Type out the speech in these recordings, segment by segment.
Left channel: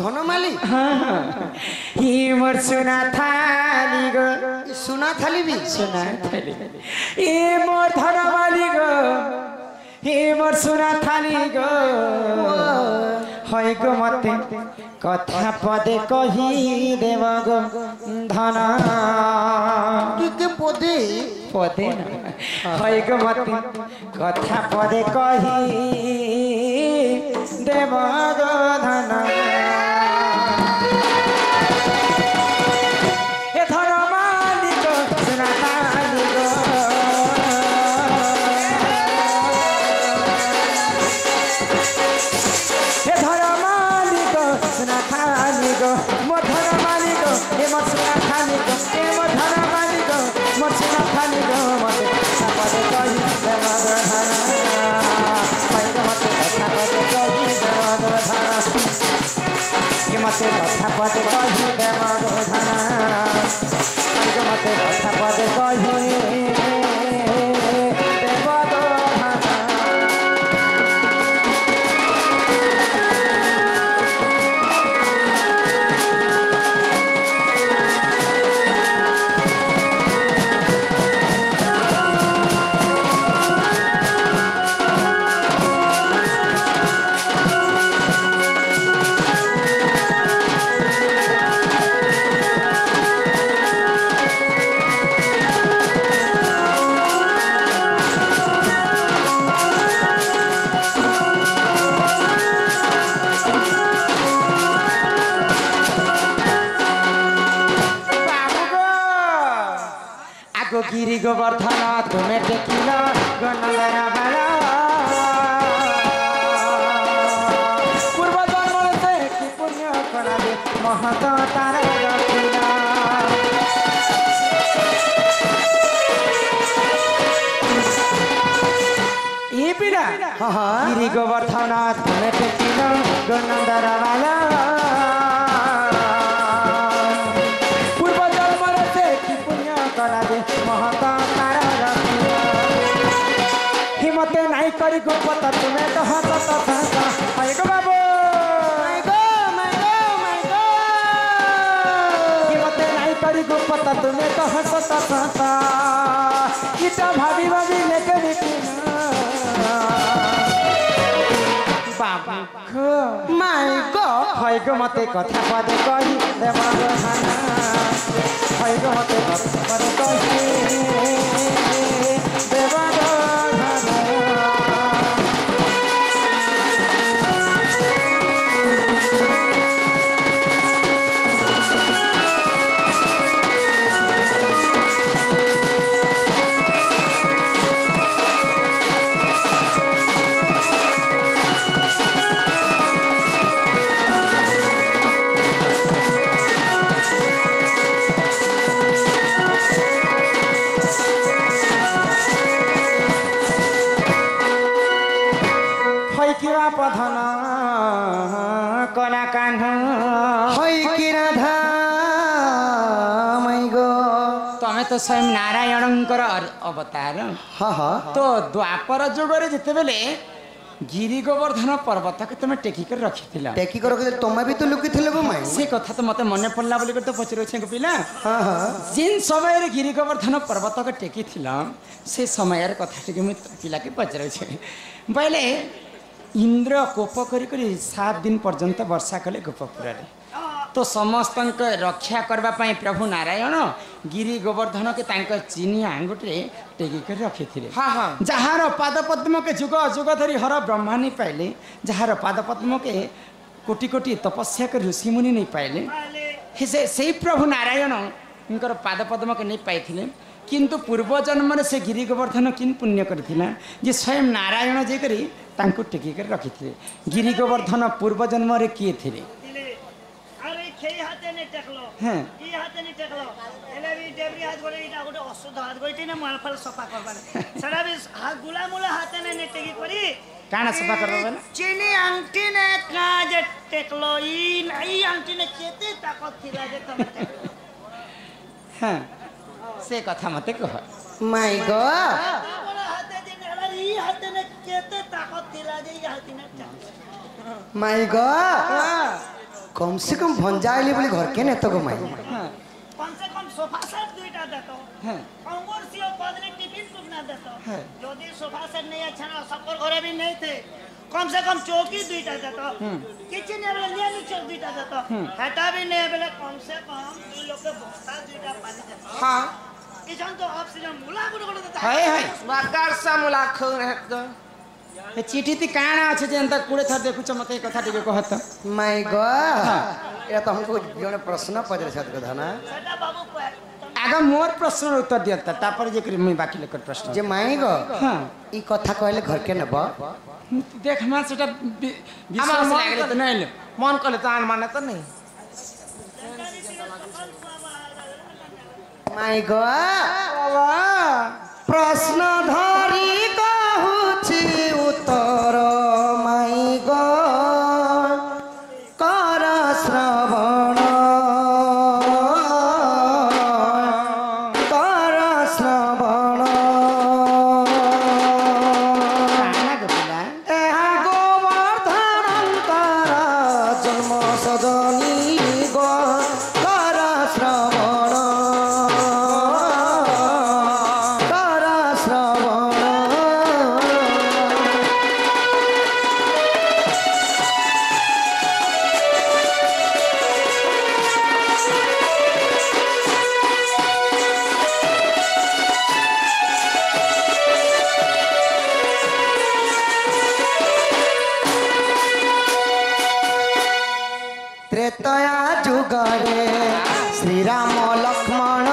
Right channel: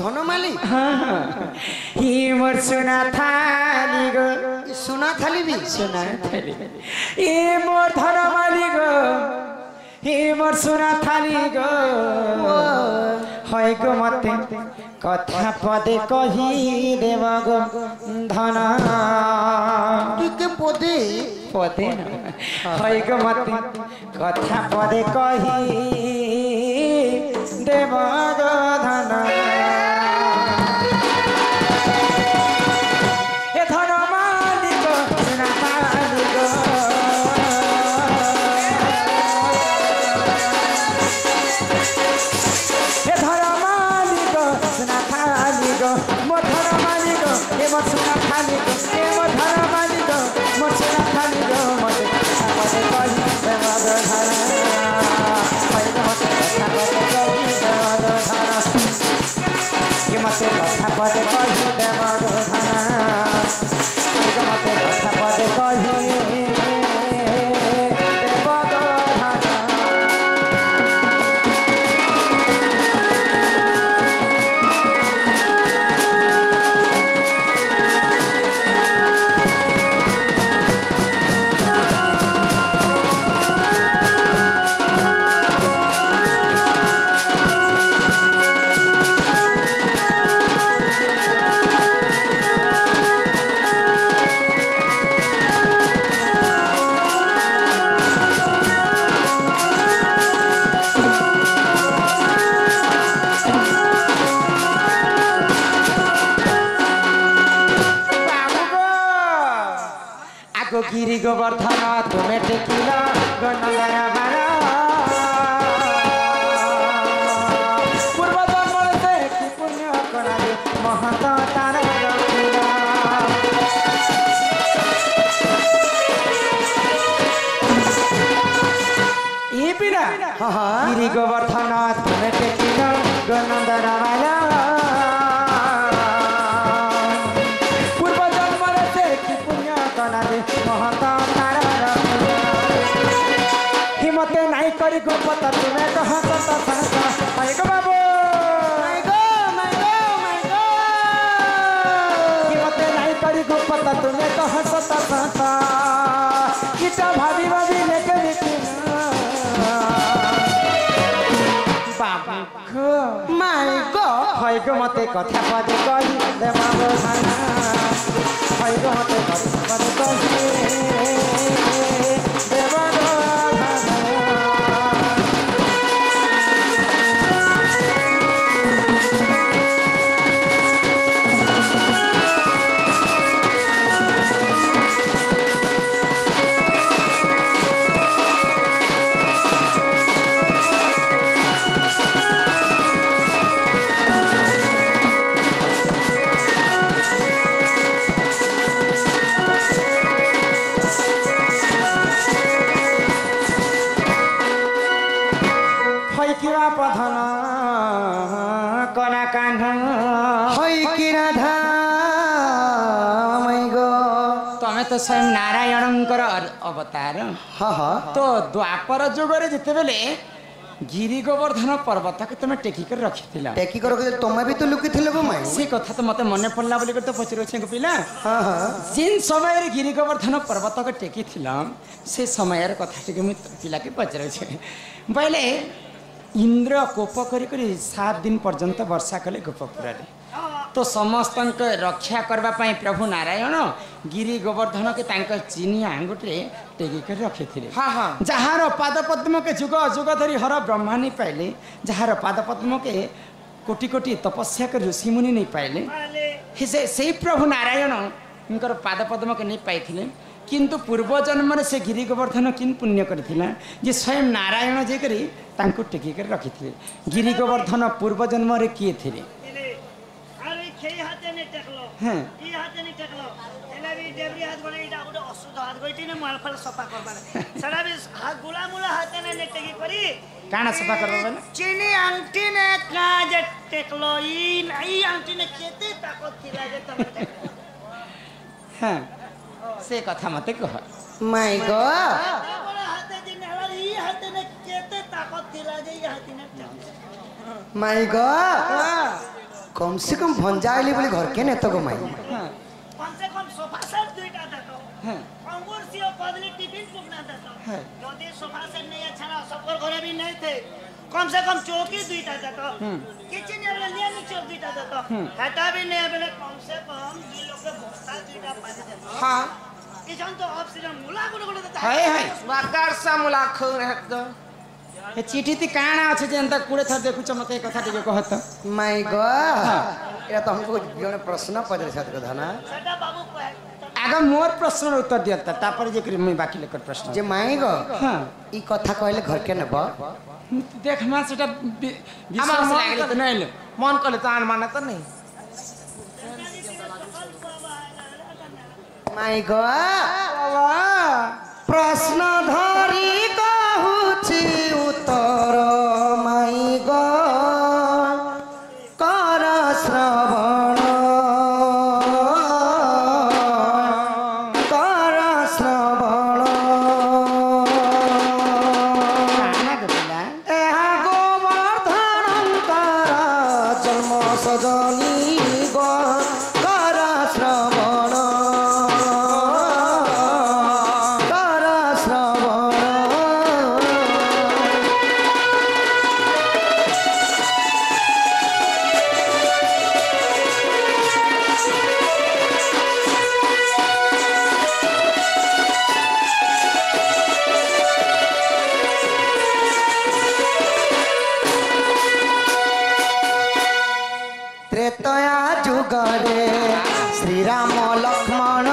धनमाली ही मोर सुना थाली गो सुना थाली भी सुना थाली ए मोर धनमाली गो हे मोर सुना थाली गो হয় গো মতে কথা পদে কহি দেব গো ধন কে পদে পদে না হয় গো মতে কথা পদে কহি দেব গো ধন এ ধন মালিক সোনা মালিক हे धरा मालिक सुना मालिक मो धरा मालिक हे मो सुना मालिक हे मो धरा मालिक मो सुना मालिक मते पदे कहि देव गो धन मते कथा पदे कहि देव गो धन कि मते कथा पदे कहि देव गो धन गिरी गोवर्धन तुम्हें टेकिला गणना बाला पूर्व जन्म से कि पुण्य करा दे महत तार रखिला ये पिला गिरी गोवर्धन तुम्हें टेकिला गणना बाला महता तारा हिमते नहीं करी गोपता तुम्हें तो हंसता हंसता my go Babu my go Himte नहीं करी गोपता तुम्हें तो हंसता हंसता किटा भाभी भाभी लेके बाबू माय गो हाय गो मते कथा पदे कहि देव गो धन हाय गो मते कथा पदे कहि देव गो धन किरा पधन कना कान्ह हई कि राधा माय गो तमे तो स्वयं नारायणंकर अवतार हाँ हाँ तो द्वापर जुगरे जिते बेले गिरी गोवर्धन पर्वत के तुम टेकी कर रखी टेकी कर रखी तुम्हें भी तो लुकी थिले गो माय से कथा तो मते मने पड़ला बोली तो पचरो छे पिला हाँ हाँ जिन समय रे गिरी गोवर्धन पर्वत के टेकी थिला से समय रे कथा टिके मि पिला के पचरो छे पहले इंद्र कोप करी 7 दिन पर्यंत वर्षा कले गोपपुर तो समस्त रक्षा करने प्रभु नारायण गिरी गोवर्धन के चिनिया आंगुटे टेकी कर रखी थे जार पाद पद्म के जुग जुग धरी हर ब्रह्माणी पाइले जार पाद पद्म के कोटि कोटि तपस्या के ऋषि मुनि नहीं पाइले से प्रभु नारायण उनकर पाद पद्म के नहीं पाई किंतु पूर्व जन्म से गिरी गोवर्धन किन पुण्य करथिला जे स्वयं नारायण जे करी तांको टेकी कर रखी थे गिरी गोवर्धन पूर्व जन्म रे किए थिले अरे खेई हाथे ने टेकलो हां ई हाथे ने टेकलो एने भी देवरी हाथ गोले इटा गोटे अशुद्ध हाथ गोइटी ने मालफल सफा करबाने सडा भी हाथ गुला मुला हाथे ने टेकी करी काना सफा करबाने चीनी आंटी ने काज टेकलो ई आंटी ने केते ताकत थिला जे तुम हां से कथा मते कह माय गो हाथे जे ई हाथे ने केते ताकत थिला जे ई हाथे ने माय गो कम से कम भंजा आइली बोली घर के नेत गो माई हाँ कम से कम सोफा सेट दुईटा देतो हाँ अंगूर सियो कदली टिफिन टुक ना देतो है। যদি সোফা সেট नहीं अच्छा ना सबकर घरे भी नहीं थे कम से कम चौकी दुईटा देतो किचन एरिया लिया नीचे दुईटा देतो हटा भी नहीं बोले कम से कम दुई लोग के बस्ता दुईटा पानी देतो हाँ किचन तो ऑक्सीजन मुला गुड़ देता हाय हाय बाकार सा मुलाक तो ए चिठी ती काना अछि जे अंत कुड़े थर देखुछ मते कथा टिके कहत माई गो ये तो हमको जने प्रश्न पड़े साथ कथा ना सेटा बाबू को आगा मोर प्रश्न उत्तर दियता तापर जे कर मैं बाकी लेकर प्रश्न जे माई गो हाँ ई कथा कहले घर के नेब देख मा सेटा विश्वास लागले त नैले मन कले तो आन माने तो नहीं माई गो बाबा प्रश्न धरी कहूची उत्तर माई गो कर श्रवण कर श्रवण काना गला ଏହା ଗୋବର୍ଦ୍ଧନଙ୍କର ଜନ୍ମ ସଜନୀ ଗो କର ଶ୍ରବଣ କର ଶ୍ରବଣ त्रेतया जुगरे श्रीराम लक्ष्मण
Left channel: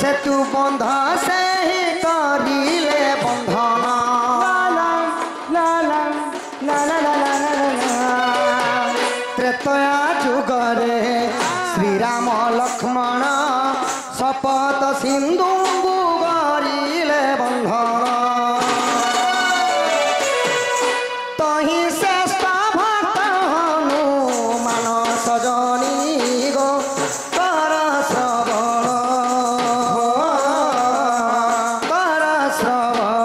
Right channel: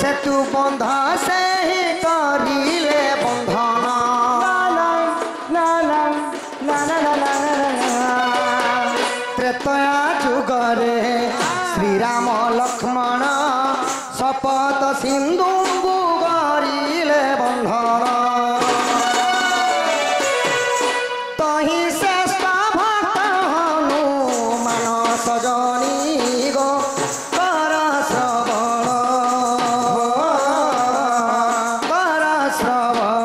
सेतु बंध से ही करिले बंधन त्रेतया जुगरे श्रीराम लक्ष्मण शपथ सिंधु गरिले बंधन तही श्रेष्ठ भक्त हनुमान सजनी गो कर श्रवण कर श्रवण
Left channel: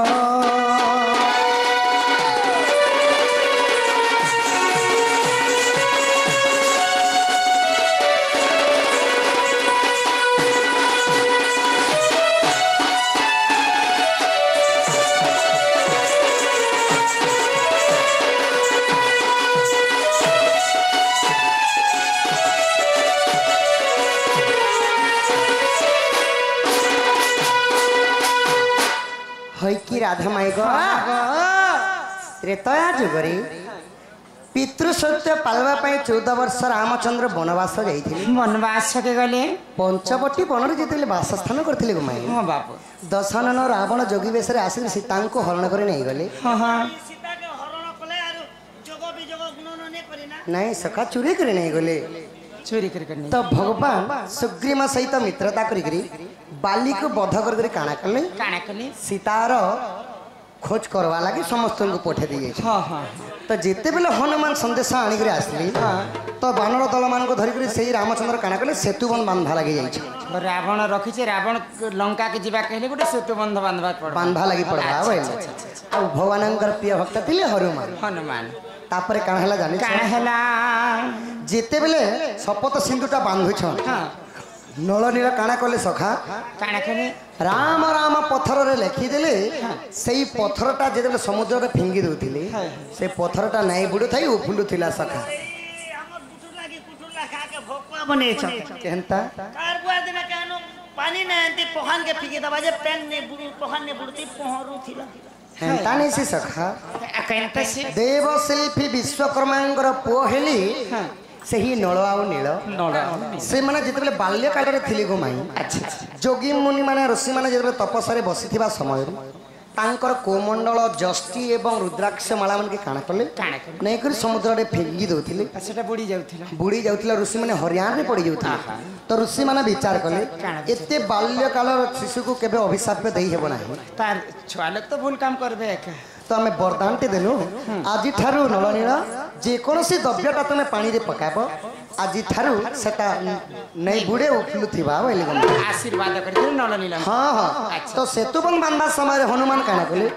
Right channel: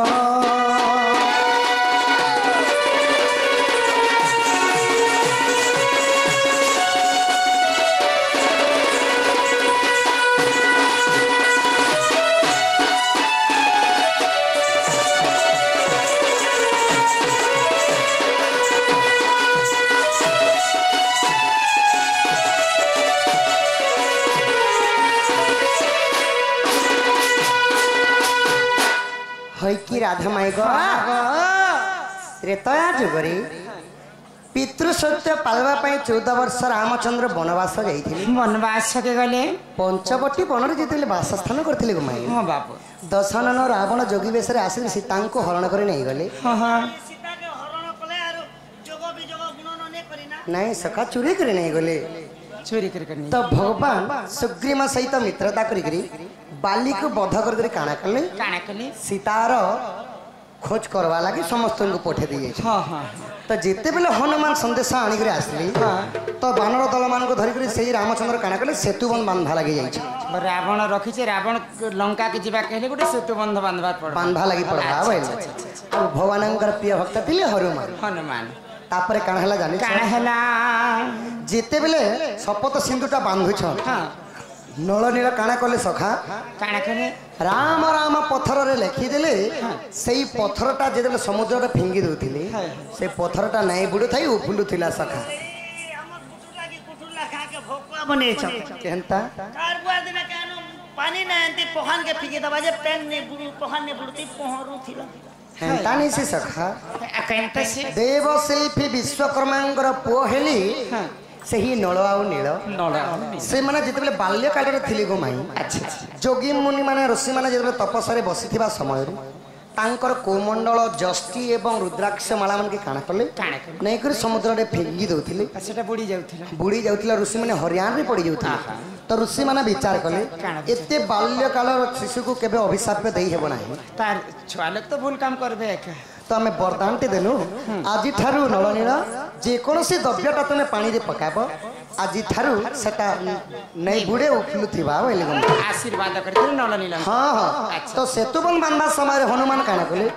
है कि राधा माई गो त्रेतया जुगरे पितृ सत्य पालवा 14 वर्ष रामचंद्र वनवास जाइथिले वनवास के गले पंचवटी वन जेते वासस्थान करथिले गो माई हां बाप दशनन रावण जोगी बेश आसी सीता को हरण करे नहीं गले हां हां सीता के हरण कले आरो जोग बिजोग गुणन ने करिना नहीं सखा चोरी करे नहीं गले चोरी कर करनी तो भगवान सुग्रीव सहित मित्रता करी बाली को बध कर काना कले काना कले सीतार खोज करवा लगे समस्त को पठे दिए हां हां तो जिते बेले हनुमान संदेश आनिक आसली तो बानर दल मान धरिक से रामचंद्र काना कले सेतुबंध बांधा लगे जाइए रावण रखी छे रावण लंका के जीवा कहले गोटे सेतु बंध बांधवा पड़ बांधा लगी पड़वा बोले आ भगवान प्रिय भक्त थिले हनुमान हनुमान तापरे काना हला जानि काना हला जिते बेले शपथ सिंधुटा बांधुछ हां नल नील काना कले सखा काना करे राम राम पत्थर रे लिखिदेले सेई पत्थरटा जेते समुद्र रे फिंगी दउथिले से पत्थरटा नाई बुडु थाई उफुलुथिला सखा हमर कुटुर खा के भोकवा बने छ केनता कार बुआ दिन केनो पानी ना अंति पोखन के फिके दबा जे पेन ने बुडु पोखन ने बुडती पोहरू थिला हेंता नहीं से सखा कहते से देव शिल्पी विश्वकर्मांकर पुओ हेली से ही नल आउ नील नड़ा से माने जेते बाल्य काल रे थिले गो माई अच्छा जोगी मुनि माने ऋषि माने जेते तपस्या रे बसिथिबा समय तांकर कोमंडल जष्टि एवं रुद्राक्ष माला मन के काना कले काना करे नहीं कर समुद्र रे फेंगी दउथिले सेटा बुड़ी जाउथिला बुड़ी जाउथिला ऋषि माने हरियाण रे पड़ी जाउथिले तो ऋषि माने विचार कले एते बाल्य काल शिशु को केबे अभिशाप देई हेबो नाही तार छुआ लोग तो भूल काम करबे एक तो आम वरदान टे देलु आज ठारू नलनील जेकोसी द्रव्यटा तुम पानी रे पकाब আজি ଠାରୁ ସେଟା ନେଇ ବୁଡ଼େ ଉଫୁଲୁଥିବା ବୋଇଲେ ଗମ आशीर्वाद करके नल नीलम ହଁ ହଁ ତ ସେତୁବନ ବାନ୍ଧବା ସମୟରେ ହନୁମାନ କାଣା କଲେ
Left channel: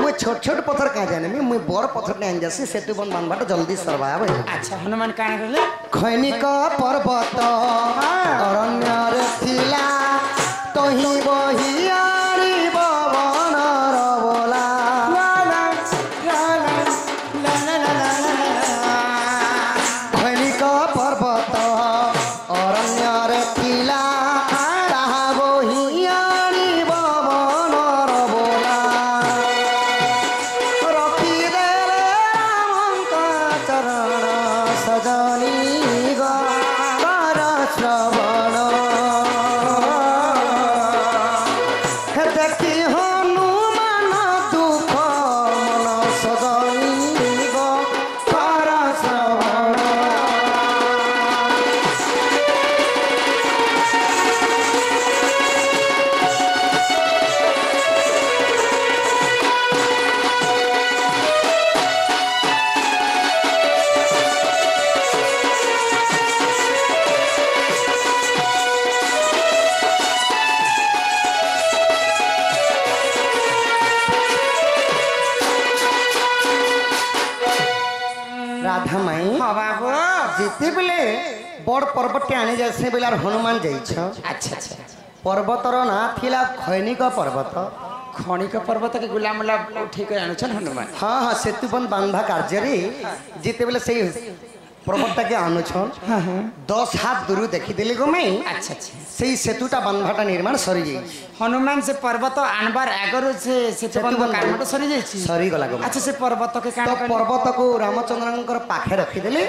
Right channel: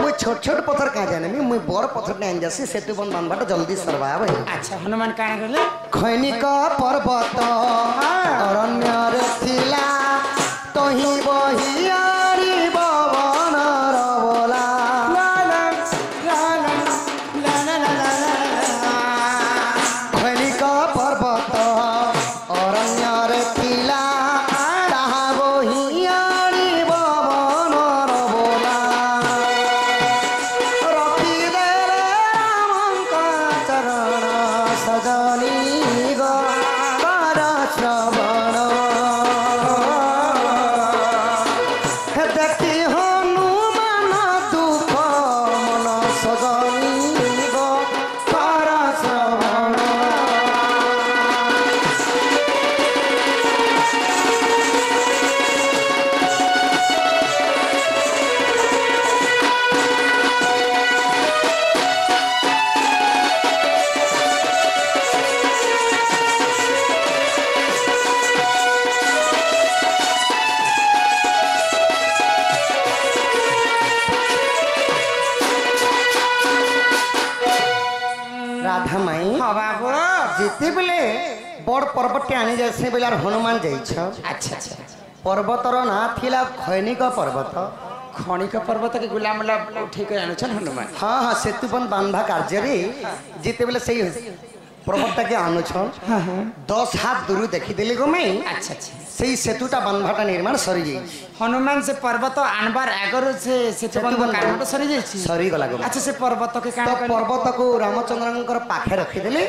ମୁଇଁ ଛୋଟ ଛୋଟ ପଥର କାଁ ଜାଣିବି ମୁଇଁ ବଡ଼ ପଥରଟେ ଆଣି ଯାସି ସେତୁବନ ବାନ୍ଧବାଟା ଜଲ୍ଦି ସରବା ବୋଇଲେ अच्छा हनुमान काण करले ଖୈନିକ ପର୍ବତ ଅରଣ୍ୟରେ ଥିଲା ତହିଁ ବହିଆରି ବବନର ବୋଲା ଖୈନିକ ପର୍ବତ ଅରଣ୍ୟରେ ଥିଲା ତାହା ବହିଆରି ବବନର ବୋଲା ରଖିଦେଲେ ରାମଙ୍କ ଚରଣ ସଜନି କର ଶ୍ରବଣ ଦେଖି ହନୁମାନ ଦୁଃଖ ମନ ସଜନି କର ଶ୍ରବଣ राधा माई हाँ बाबू जिते बेले बड़ पर्वतटे आनी जाए बेले हनुमान जाइछ अच्छा अच्छा पर्वतर ना थिला खैनिक पर्वत खणिक पर्वत के गुलाम मुला उठे के आनुछन हनुमान हाँ हाँ सेतुबन बांधा कार्य जिते बेले सही पर्वतटा के आनुछन 10 हाथ दूर देखीदेली गो मैं अच्छा अच्छा सही सेतुटा बांधाटा निर्माण सरी जाइए हनुमान से पर्वत आनबार आगर से सेतुबंध कामट सरी जाइछि सरी गला गो अच्छा से पर्वत के काण तो करले पर्वत को रामचंद्र पाखे रखीदेले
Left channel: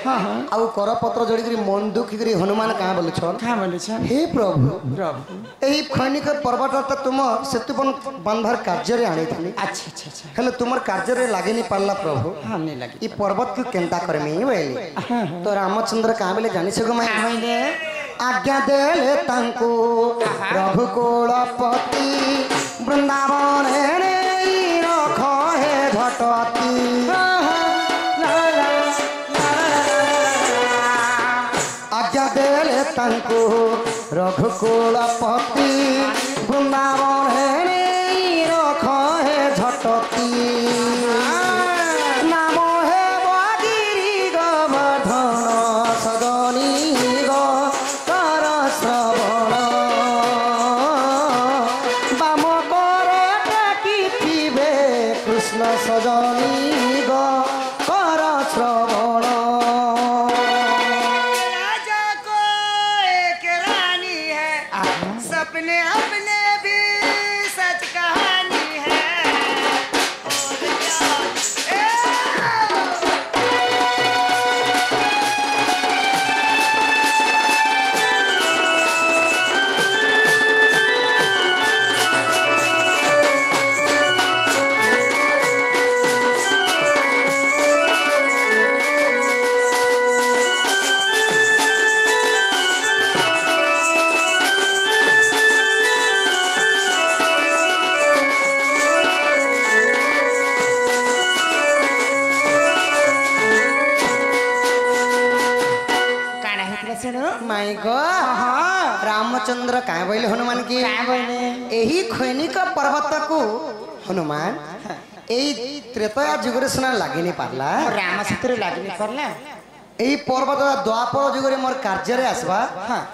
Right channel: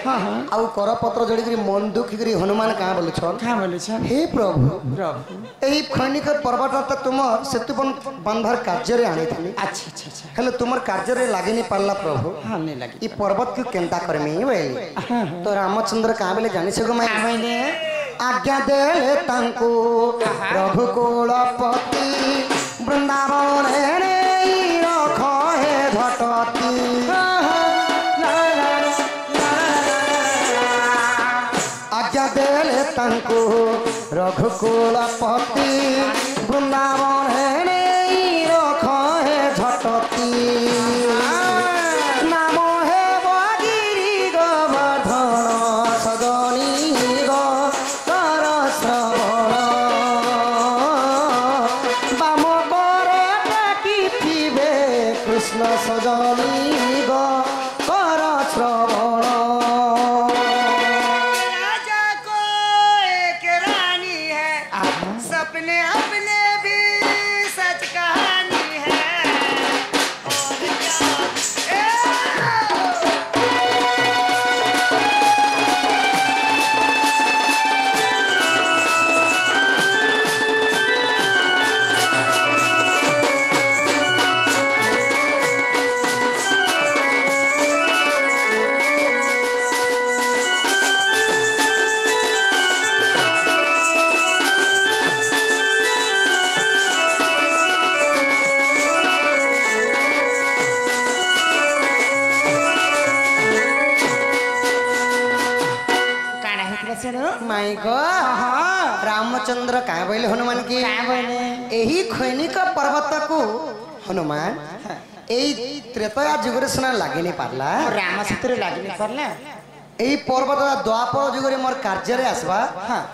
आउ करपत्र जोड़ी मंदुक हनुमान कहाँ बोलुछन का बोले छ हे प्रभु प्रभु यही खैनिक पर्वत तुम सेतुबन बांधार कार्य आनी अच्छा अच्छा अच्छा हेले तुमर कार्य लगे नहीं पारला प्रभु हाँ नहीं लगी ई पर्वत को केंता करमी बोले तो रामचंद्र कहाँ बोले जानी सको मैं आमैले आज्ञा देले तांको प्रभु कुलपति वृंदावन रख हे घटती आज्ञा देले तांको रघुकुलपति वृंदावन रख हे झटती नाम हे बगिरी गोवर्धन सदनी कर श्रवण बाम करे टेकिथिबे कृष्ण सजनी कर श्रवण राजा को एक रानी है सपने अपने भी सच कहानी है और क्या काण हेतला सेनो माई गो रामचंद्र कहाँ बोले हनुमान की यही खैनिक पर्वत को हनुमान यही त्रेतया जुगरे सुना लगे नहीं पारला राम सूत्र लागी नहीं करला यही पर्वत द्वापर जुगरे मोर कार्य आसवा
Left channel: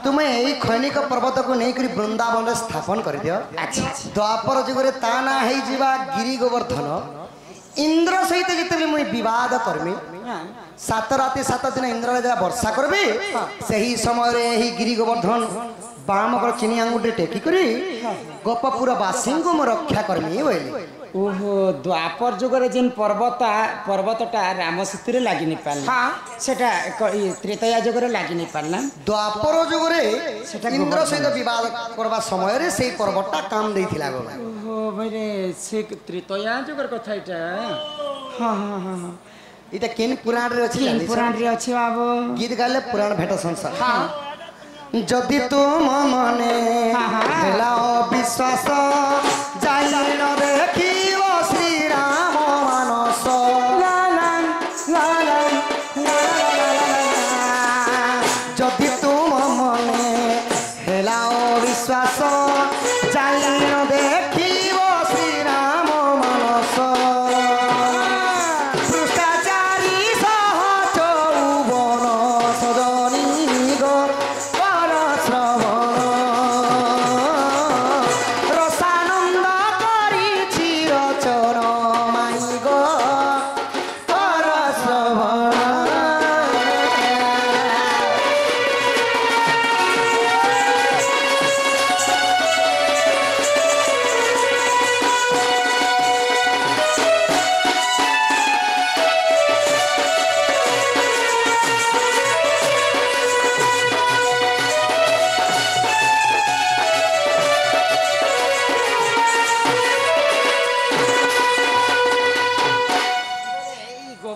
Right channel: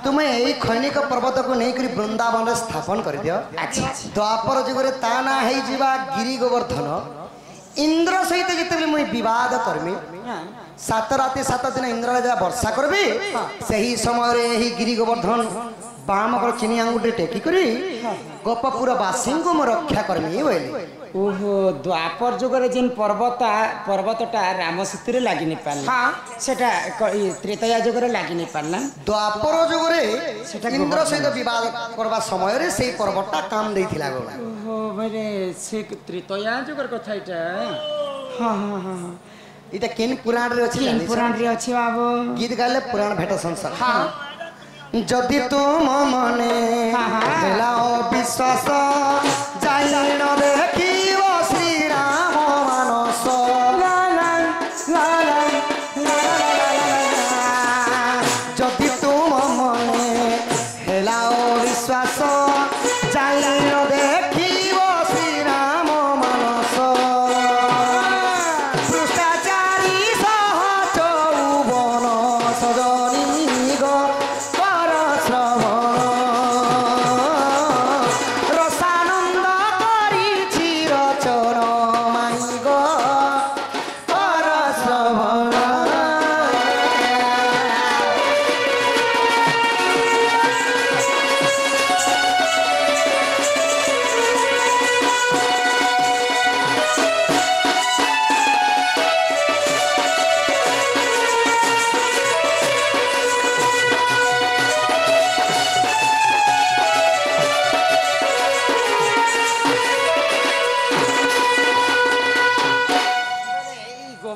तुम्हें यही खैनिक पर्वत को नहीं करी वृंदावन रे स्थापन कर दियो अच्छा अच्छा द्वापर जुगरे ता ना है जीवा गिरी गोवर्धन इंद्र सहित जिते मुई विवाद करमी सात राति 7 दिन इंद्र जरा वर्षा करबे सही समय रे ही गिरी गोवर्धन बाम कर चिनी आंगुटे टेकी करी गोपपुर वासी को मो रक्षा करमी बोली ओहो द्वापर जुगरे जेन पर्वतटा राम सूत्र लागी नहीं पारला हाँ सेटा त्रेतया जुगरे लागी नहीं पारला द्वापर जुगरे इंद्र सहित विवाद करबा समय रे सेही पर्वतटा काम देइथिला गो ओहो भाई से त्रेतया जुगर कथा इटा हाँ हाँ हाँ हाँ इटा केन पुराण रे अछि तीन जानिछ? पुराण रे अछि बाबू गीत गाले पुराण भेट संसार जदि तुम मने हेला अविश्वास जाई न देखिव श्री राम मानस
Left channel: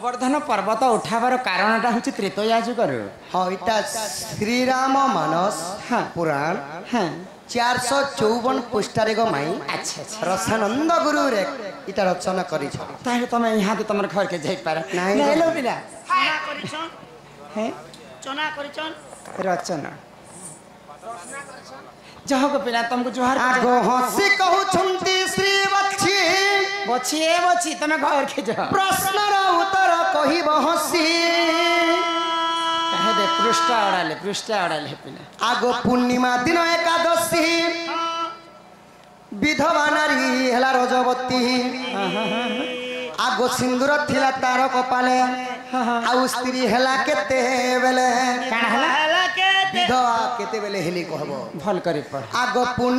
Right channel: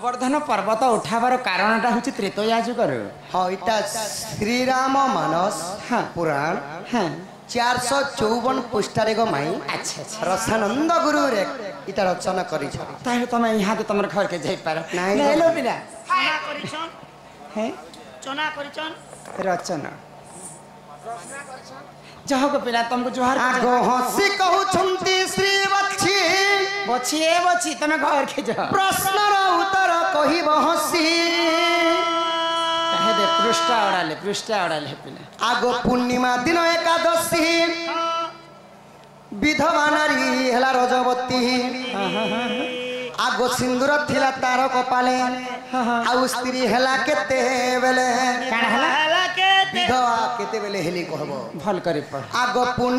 ଗୋବର୍ଦ୍ଧନ ପର୍ବତ ଉଠାବାର କାରଣଟା ହେଉଛି ତ୍ରେତୟା ଯୁଗରୁ। हाँ इटा श्री राम मानस हाँ। पुराण ହଁ 454 पृष्ठारे गो माई ଆଚ୍ଛା ଆଚ୍ଛା रसानंद गुरु रे इटा रचना करी छ ତାହେଲେ ତମେ ଇହାଦେ ତମର ଘରକେ ଯାଇପାର ନାଇଁ ନାଇଁ ଲୋ ପିଲା ଚନା କରିଛନ୍ ହେଁ ଚନା କରିଛନ୍ ରଚନା ଯାହକ ପିଲା ତମକୁ ଜୁହାର आगो हसी कहू छंती श्री बच्ची ବଛି ଏ ବଛି ତମେ ଘରକେ ଯାଅ प्रश्न रो उत्तर कहिब हसी କାहे ଦେ ପୃଷ୍ଠା ଅଡ଼ାଲେ ପିଲା आगो पूर्णिमा दिन एकादशी विधवा नारी हेला रजवती आगो सिंदूर थिला तार कपाले आउ स्त्री हेला केते बेले କାଣା ହେଲା ହେଲା କେ विधवा केते बेले हेली कहबो ଭଲ କରି ପଢ଼ आगो पूर्ण